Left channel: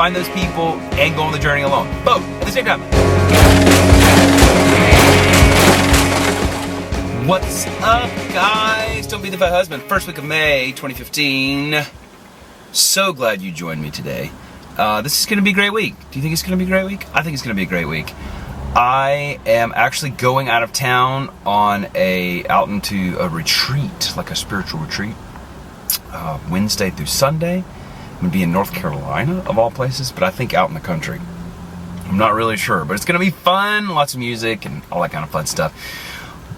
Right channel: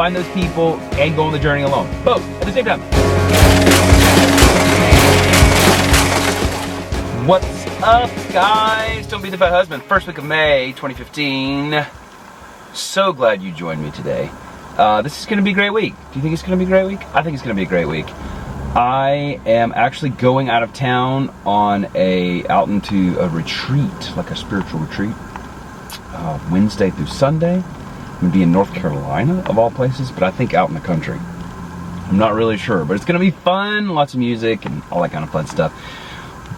find those people, and go on the journey alone. Both at the same time. What's up, guys? Don't Be the Fat Husband. First week of May 2015. So glad you joined me today. This is going to be a great week. Do you think it's going to be a great week? I think it's going to be a great week. I am actually going out of town on out into a retreat, like a spiritual retreat, Wednesday through Sunday. I'm going to be in North Carolina, of all places, but I think out in the country. I'm not really sure, but it's going to be fun, lots of music and all that kind of fun stuff.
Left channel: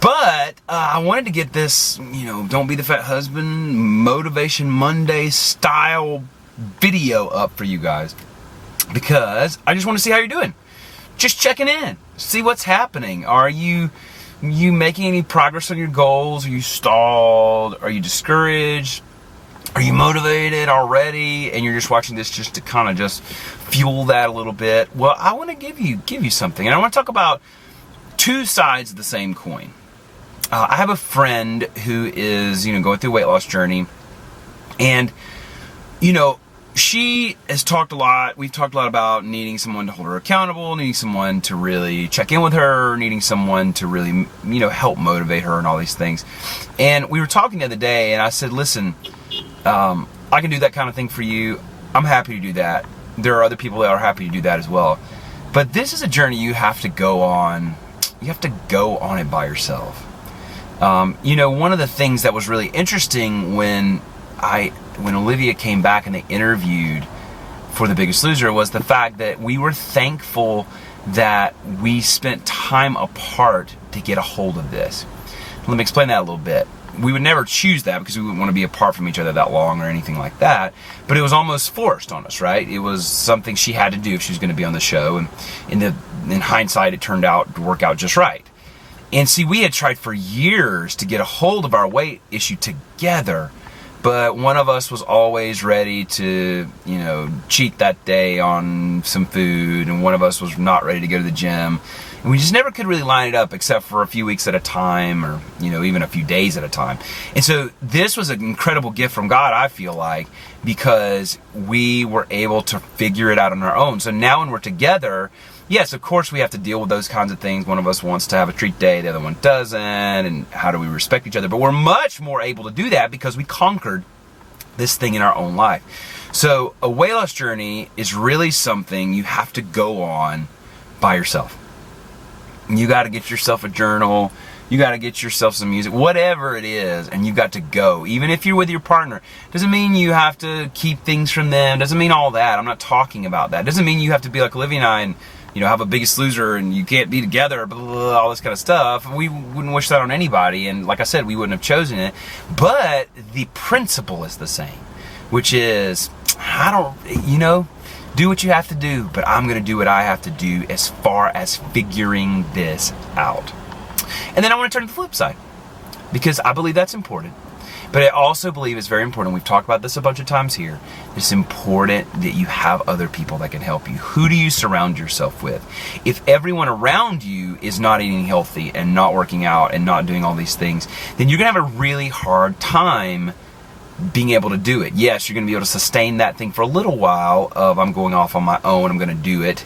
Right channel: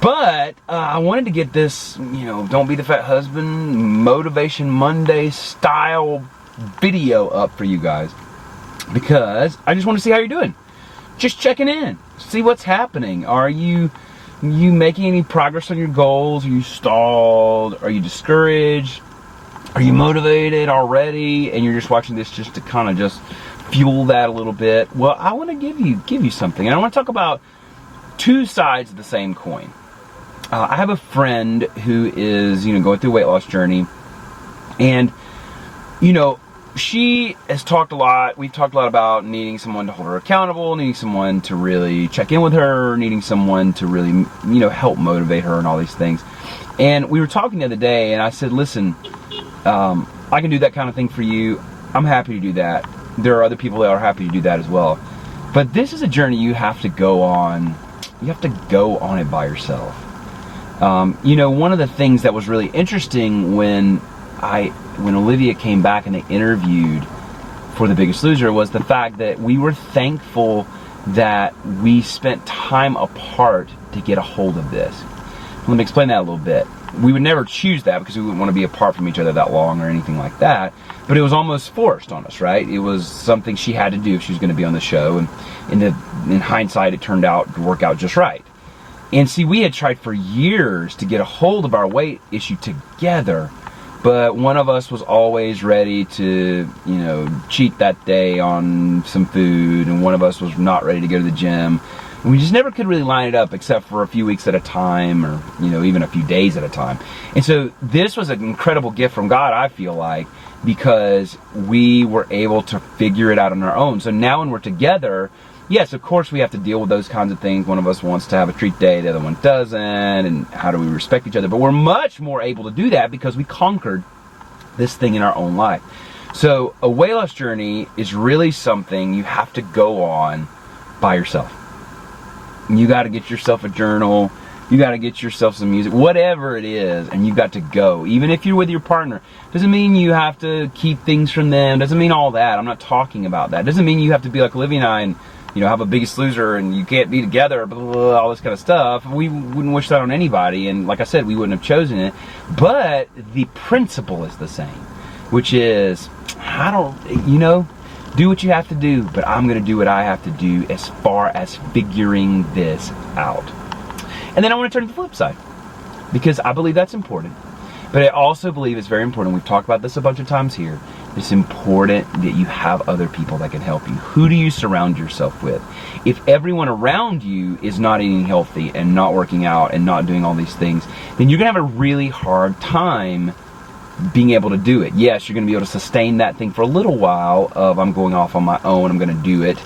But I wanted to get this, Don't Be the Fat Husband, Motivation Monday style video up for you guys, because I just want to see how you're doing. Just checking in, see what's happening. Are you making any progress on your goals? Are you stalled? Are you discouraged? Are you motivated already? And you're just watching this just to kind of just fuel that a little bit. Well, I want to give you something, and I want to talk about two sides of the same coin. I have a friend who is, going through a weight loss journey, and she has talked a lot. We've talked a lot about needing someone to hold her accountable, needing someone to really check in with her, needing someone to really, help motivate her and all these things. And we were talking the other day, and I said, listen, I can do that kind of thing for you. I'm happy to do that. There are other people that are happy to do that as well. But this is a journey you have to go on. You have to go on it by yourself. One of the things that was really interesting when Olivia came back and they interviewed for The Biggest Loser was the fact that we were thankful that we spent time apart to get a hold of this. Let me explain that a little bit. We would never choose that because we wouldn't want to be apart from each other that long or anything like that, but it was almost forced on us, right? It was something she had to do if she was going to be on the show, and in hindsight, it turned out to work out just right. And see, we had tried for years to get a hold of our weight issue together, but one of us was always ready to, cheat that day on some food, and one of us was not ready to go to the gym. And we just never could really line it up except for a few weeks at a time, or, even a few days at a time. And so this was an incredible gift from God, I feel like, because we were able to figure it out on our own. So now when we're together, yes, of course we have to deal with those kinds of things. One of us wants to have a treat day, the other one doesn't, and how do we respect each other? But we're much more able to do that because we conquered this thing in our own life. So a weight loss journey is really something you have to go on by yourself. You got to get yourself a journal, you got to get yourself some music, whatever it is, and you got to go. Even if you're with your partner, doesn't mean you have to keep things from them, doesn't mean all that. I'm not talking about that. Doesn't mean you have to be like Olivia and I and have a Biggest Loser and you can't be together, blah, blah, blah, all this kind of stuff. We wouldn't wish that on anybody, and like I said, we wouldn't have chosen it. But the principle is the same, which is, do what you have to do, but I'm going to do what I have to do as far as figuring this out. And then I want to turn to the flip side, because I believe that's important. But I also believe it's very important, we've talked about this a bunch of times here, it's important that you have other people that can help you. Who do you surround yourself with? If everyone around you is not eating healthy and not working out and not doing all these things, then you're going to have a really hard time being able to do it. Yes, you're going to be able to sustain that thing for a little while of, I'm going off on my own, I'm going to do it.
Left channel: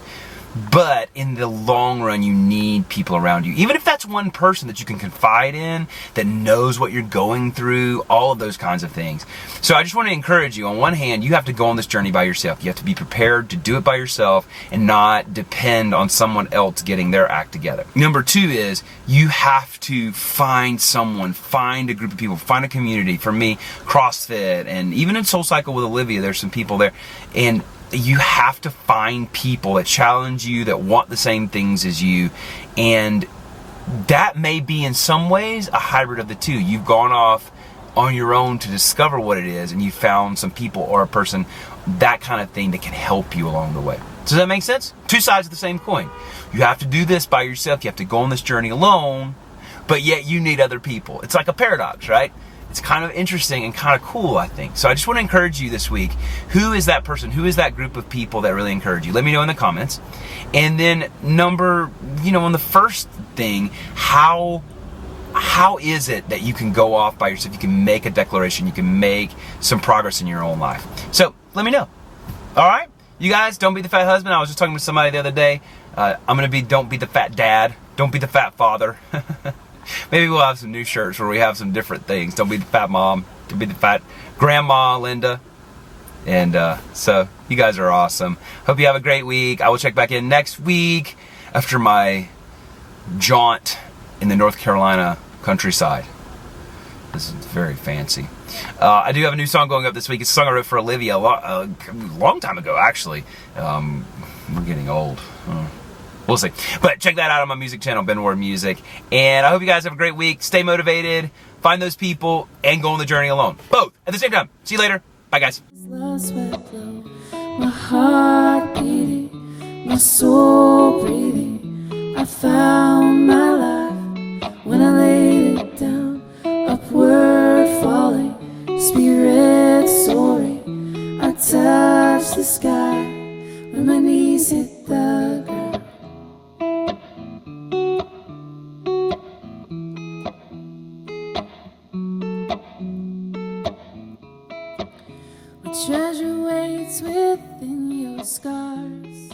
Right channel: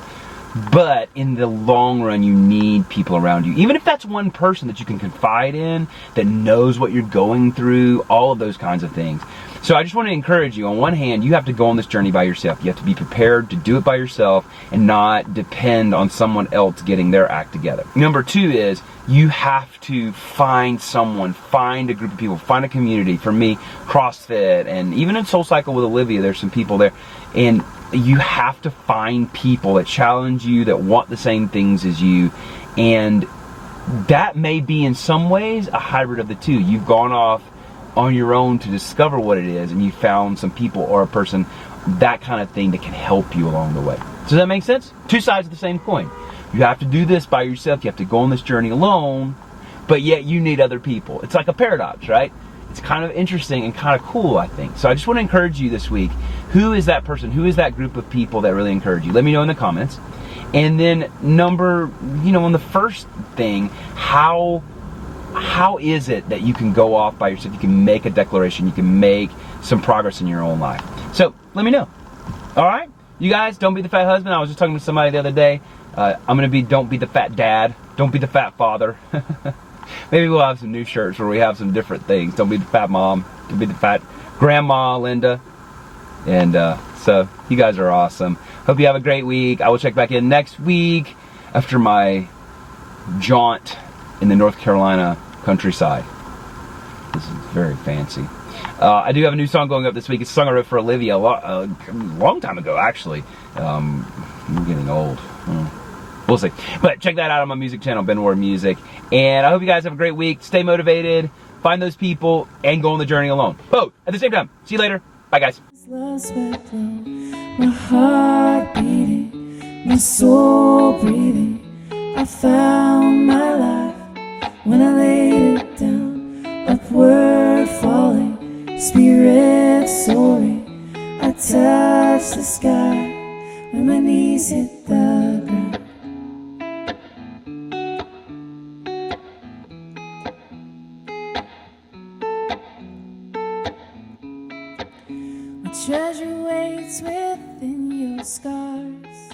But in the long run, you need people around you. Even if that's one person that you can confide in, that knows what you're going through, all of those kinds of things. So I just want to encourage you. On one hand, you have to go on this journey by yourself. You have to be prepared to do it by yourself and not depend on someone else getting their act together. Number two is, you have to find someone, find a group of people, find a community. For me, CrossFit, and even in SoulCycle with Olivia, there's some people there. And you have to find people that challenge you, that want the same things as you, and that may be in some ways a hybrid of the two. You've gone off on your own to discover what it is, and you found some people or a person, that kind of thing, that can help you along the way. Does that make sense? Two sides of the same coin. You have to do this by yourself, you have to go on this journey alone, but yet you need other people. It's like a paradox, right? It's kind of interesting and kind of cool, I think. So I just want to encourage you this week. Who is that person? Who is that group of people that really encourage you? Let me know in the comments. And then on the first thing, how is it that you can go off by yourself? You can make a declaration. You can make some progress in your own life. So let me know. All right? You guys, don't be the fat husband. I was just talking to somebody the other day. I'm gonna be don't be the fat dad. Don't be the fat father. Maybe we'll have some new shirts where we have some different things. Don't be the fat mom. Don't be the fat grandma, Linda. And so you guys are awesome. Hope you have a great week. I will check back in next week after my jaunt in the North Carolina countryside. This is very fancy. I do have a new song going up this week. It's a song I wrote for Olivia a long time ago, actually. I'm getting old. We'll see. But check that out on my music channel, Ben Ward Music. And I hope you guys have a great week. Stay motivated, find those people, and go on the journey alone. Both at the same time. See you later. Bye, guys. My heart beating, my soul breathing. I found my life when I laid it down. Upward falling, spirit soaring. I touched the sky when my knees hit the ground. My treasure waits within your scars.